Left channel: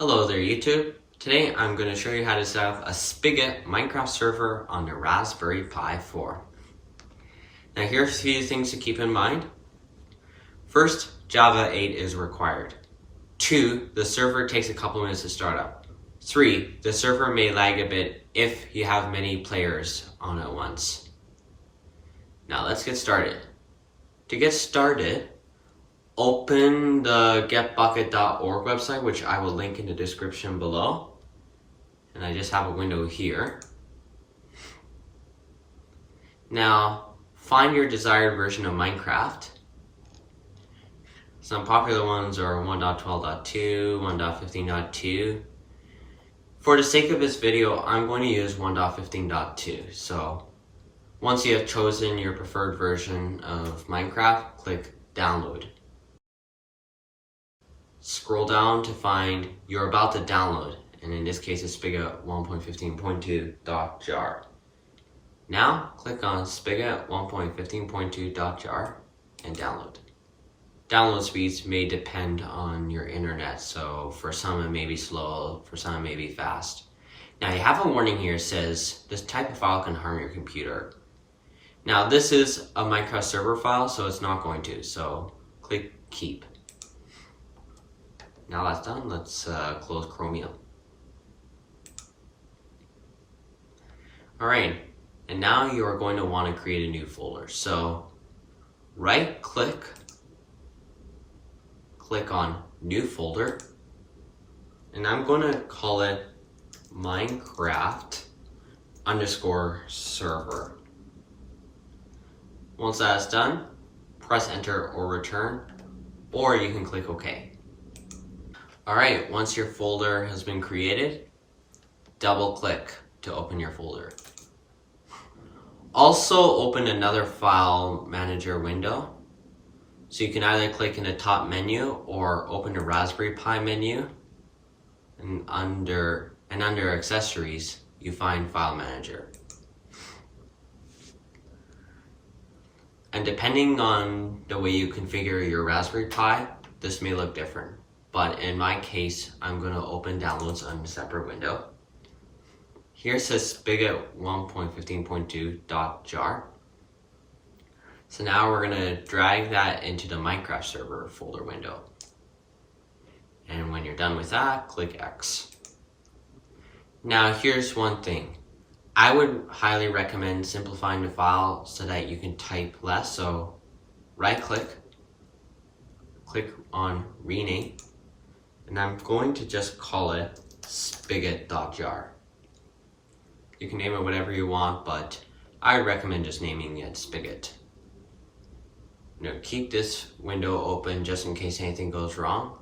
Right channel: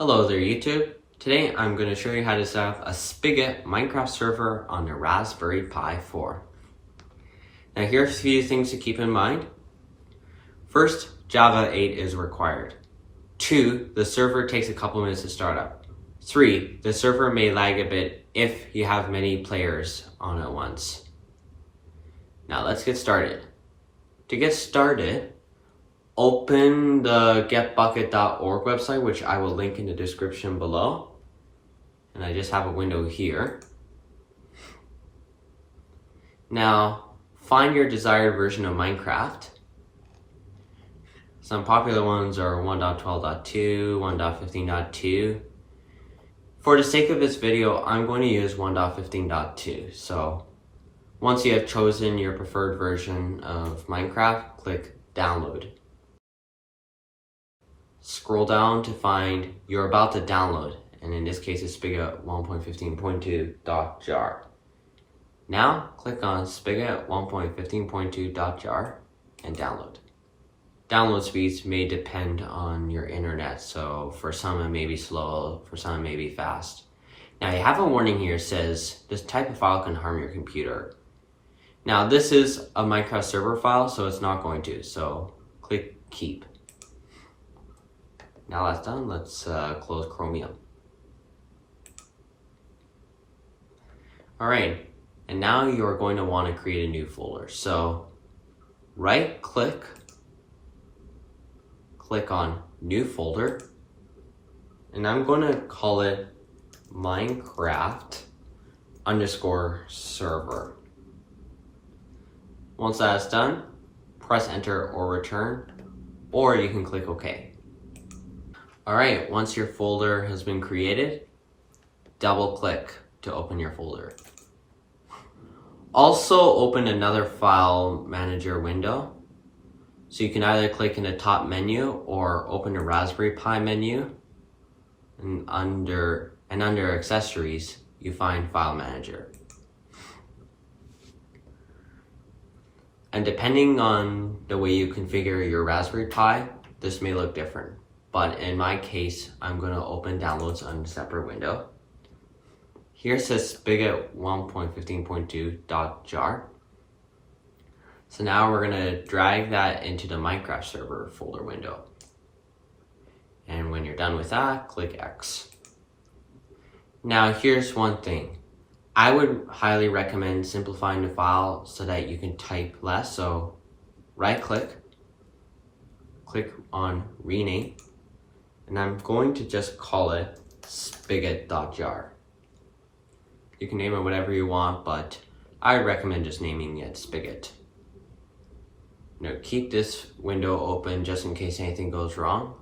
Hello there YouTube. Today I'm going to show you how to set up a Spigot Minecraft server on the Raspberry Pi 4. Now here's a few things to keep in mind. First, Java 8 is required. 2, the server takes a couple minutes to start up. 3, the server may lag a bit if you have many players on at once. Now let's get started. To get started, open the getbucket.org website, which I will link in the description below. And I just have a window here. Now, find your desired version of Minecraft. Some popular ones are 1.12.2, 1.15.2. For the sake of this video, I'm going to use 1.15.2. So, once you have chosen your preferred version of Minecraft, click Download. Scroll down to find you're about to download, and in this case it's spigot1.15.2.jar. Now click on spigot1.15.2.jar and download. Download speeds may depend on your internet, so for some it may be slow, for some it may be fast. Now you have a warning here that says this type of file can harm your computer. Now this is a Minecraft server file, so it's not going to, so click Keep. Now that's done, let's close Chromium. Alright, and now you're going to want to create a new folder. So right click, click on New Folder, and I'm going to call it Minecraft_server. Once that's done, press Enter or Return, or you can click OK. Alright, once your folder has been created, double click to open your folder. Also open another file manager window. So you can either click in the top menu or open the Raspberry Pi menu, and under accessories you find file manager. And depending on the way you configure your Raspberry Pi, this may look different. But in my case, I'm going to open downloads on a separate window. Here it says spigot1.15.2.jar. So now we're going to drag that into the Minecraft server folder window. And when you're done with that, click X. Now here's one thing. I would highly recommend simplifying the file so that you can type less. So right click, click on Rename. And I'm going to just call it spigot.jar. You can name it whatever you want, but I recommend just naming it Spigot. Now keep this window open just in case anything goes wrong.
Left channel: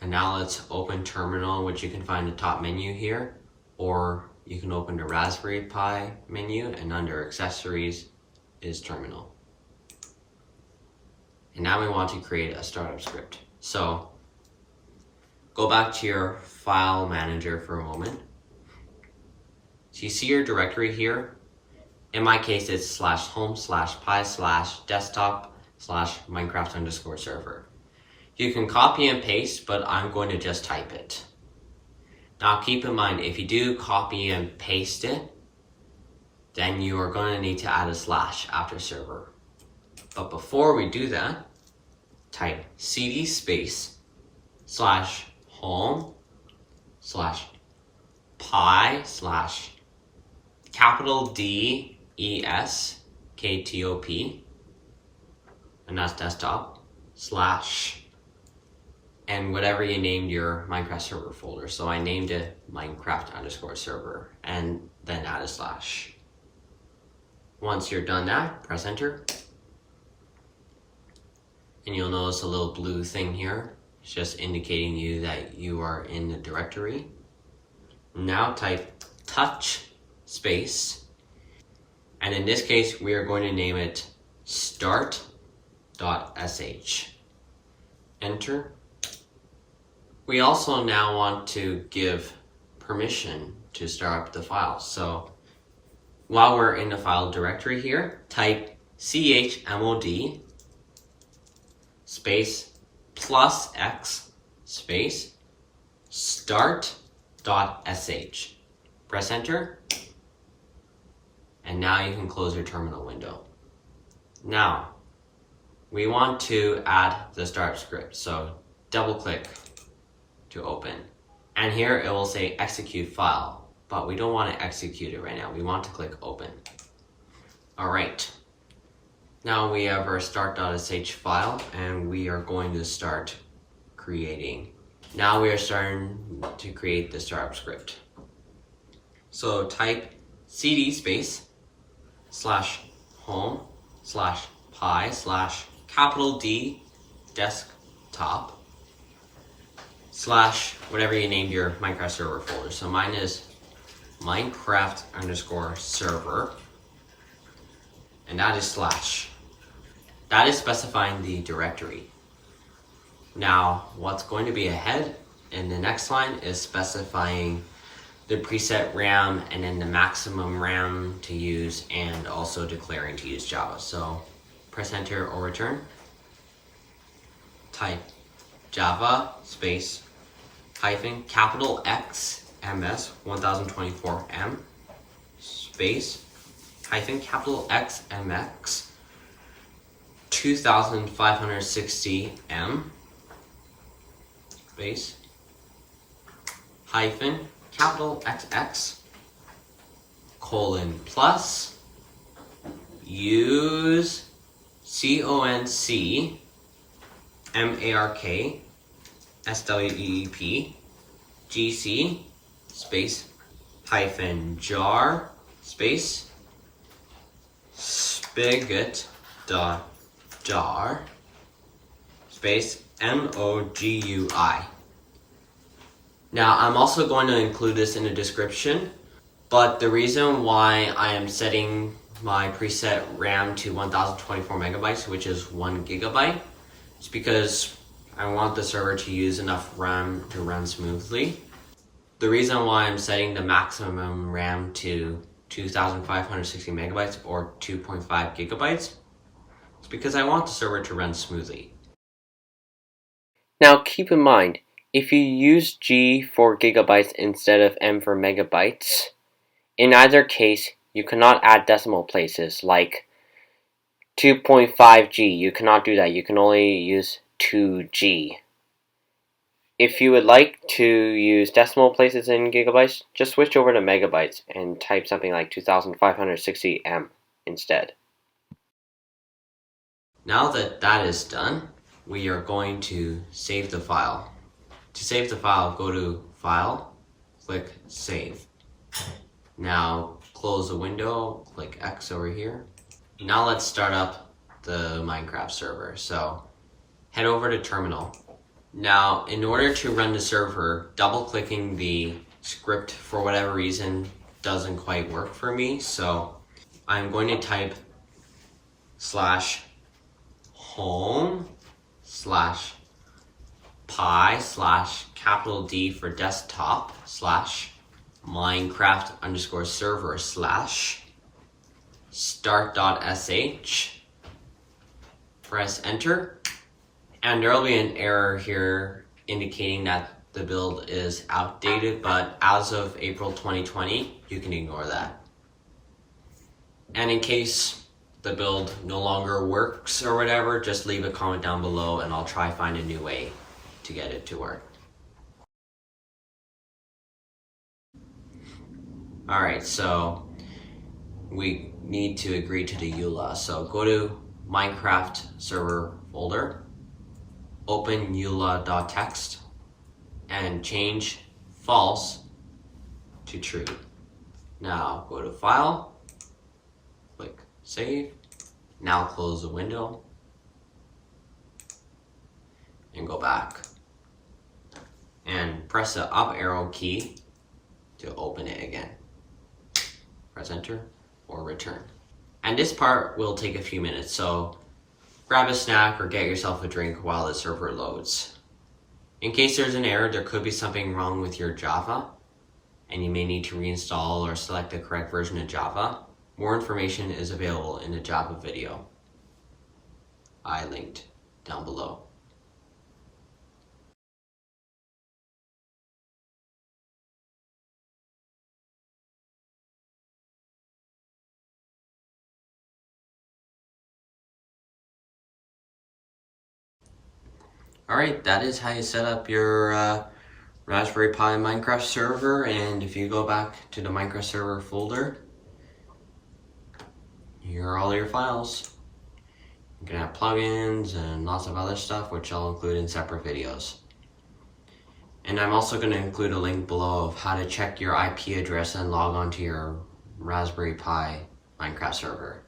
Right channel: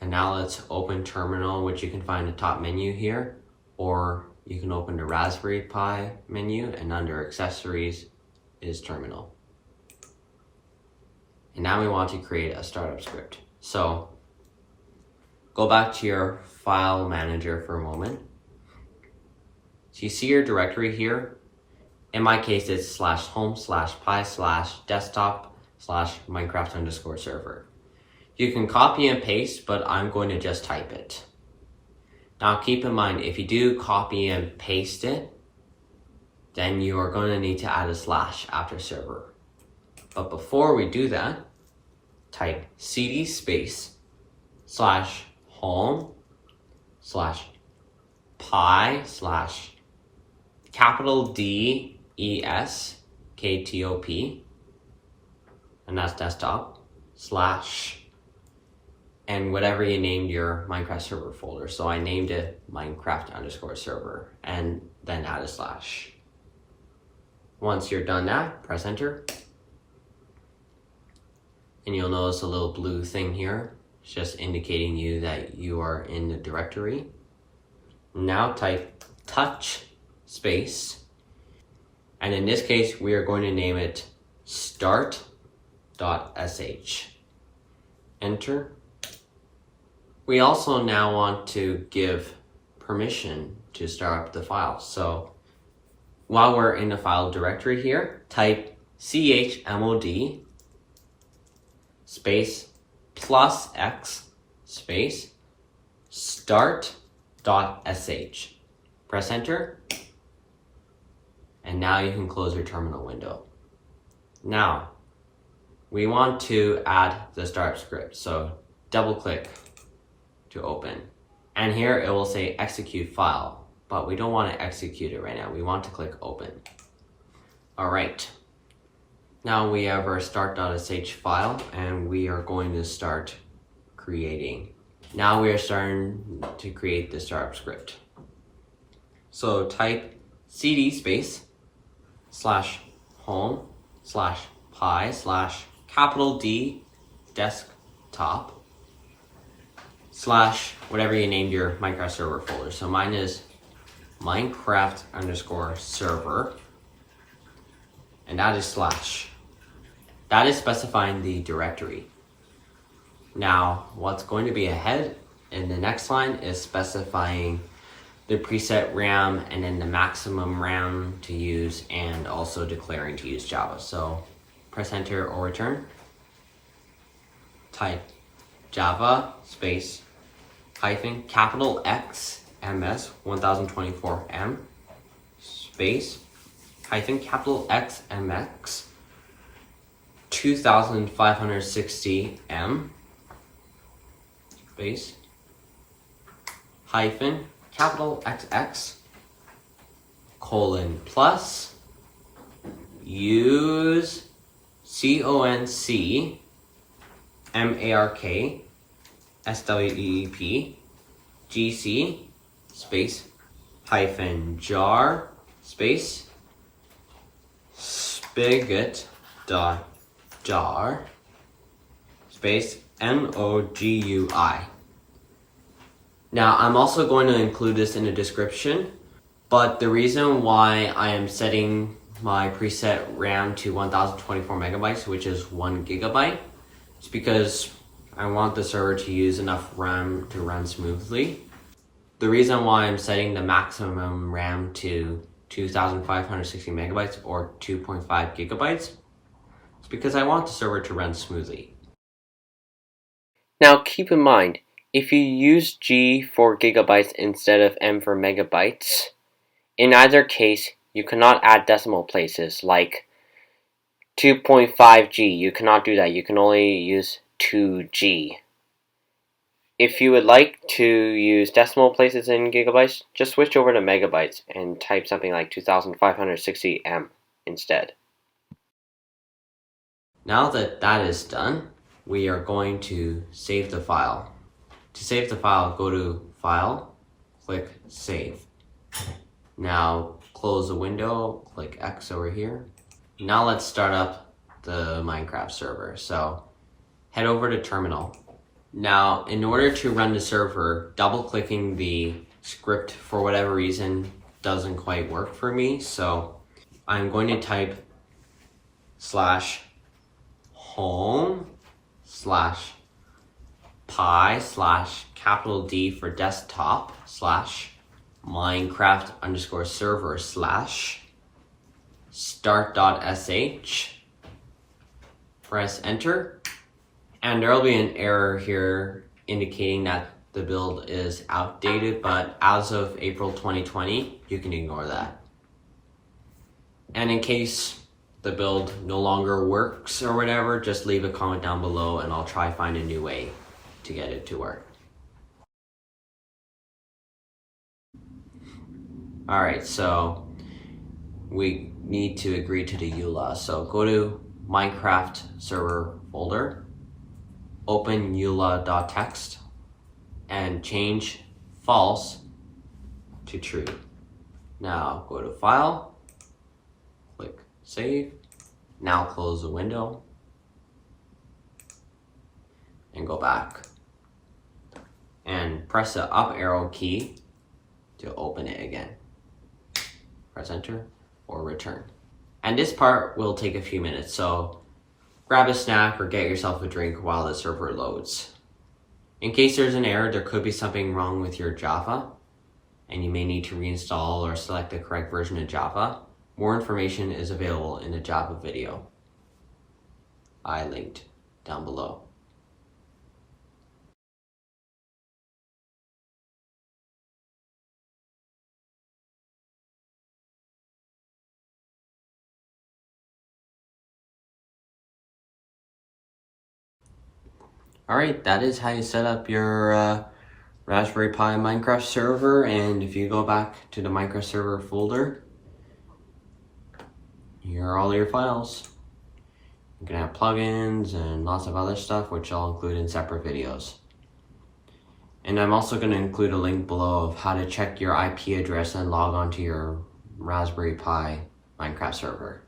And now let's open Terminal, which you can find in the top menu here, or you can open the Raspberry Pi menu, and under Accessories is Terminal. And now we want to create a startup script. So go back to your file manager for a moment. So you see your directory here. In my case, it's /home/pi/desktop/Minecraft_server. You can copy and paste, but I'm going to just type it. Now keep in mind, if you do copy and paste it, then you are going to need to add a slash after server. But before we do that, type cd /home/pi/DESKTOP, and that's desktop, and whatever you named your Minecraft server folder. So I named it Minecraft_server, and then add a slash. Once you're done that, press Enter. And you'll notice a little blue thing here. It's just indicating you that you are in the directory. Now type touch space, and in this case we are going to name it start.sh. Enter. We also now want to give permission to start up the file. So while we're in the file directory here, type chmod space +x space start.sh. Press enter, and now you can close your terminal window. Now, we want to add the start script, so double click to open. And here it will say execute file, but we don't want to execute it right now. We want to click open. All right. Now we have our start.sh file, and we are going to start creating. Now we are starting to create the startup script. So type cd space /home/pi/D desktop / whatever you named your Minecraft server folder. So mine is Minecraft_server, and that is /. That is specifying the directory. Now, what's going to be ahead in the next line is specifying the preset RAM and then the maximum RAM to use, and also declaring to use Java. So press enter or return. Type Java space -Xms2024M space -Xmx2560M space -XX + UseConcMarkSweepGC space -jar space spigot.jar space nogui. Now, I'm also going to include this in the description, but the reason why I am setting my preset RAM to 1024 megabytes, which is 1 gigabyte, is because I want the server to use enough RAM to run smoothly. The reason why I'm setting the maximum RAM to 2560 megabytes or 2.5 gigabytes is because I want the server to run smoothly. Now keep in mind, if you use G for gigabytes instead of M for megabytes, in either case, you cannot add decimal places like 2.5G. You cannot do that. You can only use 2G. If you would like to use decimal places in gigabytes, just switch over to megabytes and type something like 2560M instead. Now that that is done, we are going to save the file. To save the file, go to File, click Save. Now close the window, click X over here. Now let's start up the Minecraft server. So head over to Terminal. Now, in order to run the server, double clicking the script for whatever reason doesn't quite work for me. So I'm going to type /home/pi/D for desktop /Minecraft_server /start.sh. Press enter, and there will be an error here indicating that the build is outdated, but as of April 2020, you can ignore that. And in case the build no longer works or whatever, just leave a comment down below and I'll try find a new way to get it to work. Alright, so we need to agree to the Eula. So go to Minecraft server folder, open eula.txt, and change false to true. Now go to File, click Save. Now close the window and go back. And press the up arrow key to open it again. Press enter or return. And this part will take a few minutes, so grab a snack or get yourself a drink while the server loads. In case there's an error, there could be something wrong with your Java, and you may need to reinstall or select the correct version of Java. More information is available in the Java video I linked down below. Alright, that is how you set up your Raspberry Pi Minecraft server, and if you go back to the Minecraft server folder, here are all your files. You can have plugins and lots of other stuff, which I'll include in separate videos. And I'm also going to include a link below of how to check your IP address and log on to your Raspberry Pi Minecraft server.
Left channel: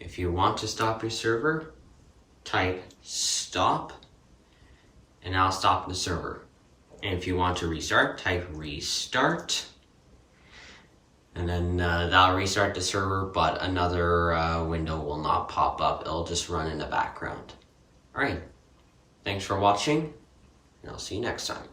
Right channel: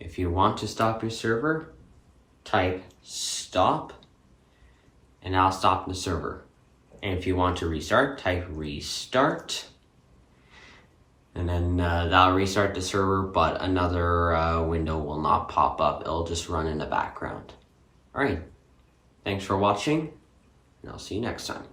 If you want to stop your server, type stop, and I'll stop the server. And if you want to restart, type restart. And then that'll restart the server, but another window will not pop up. It'll just run in the background. Alright, thanks for watching, and I'll see you next time.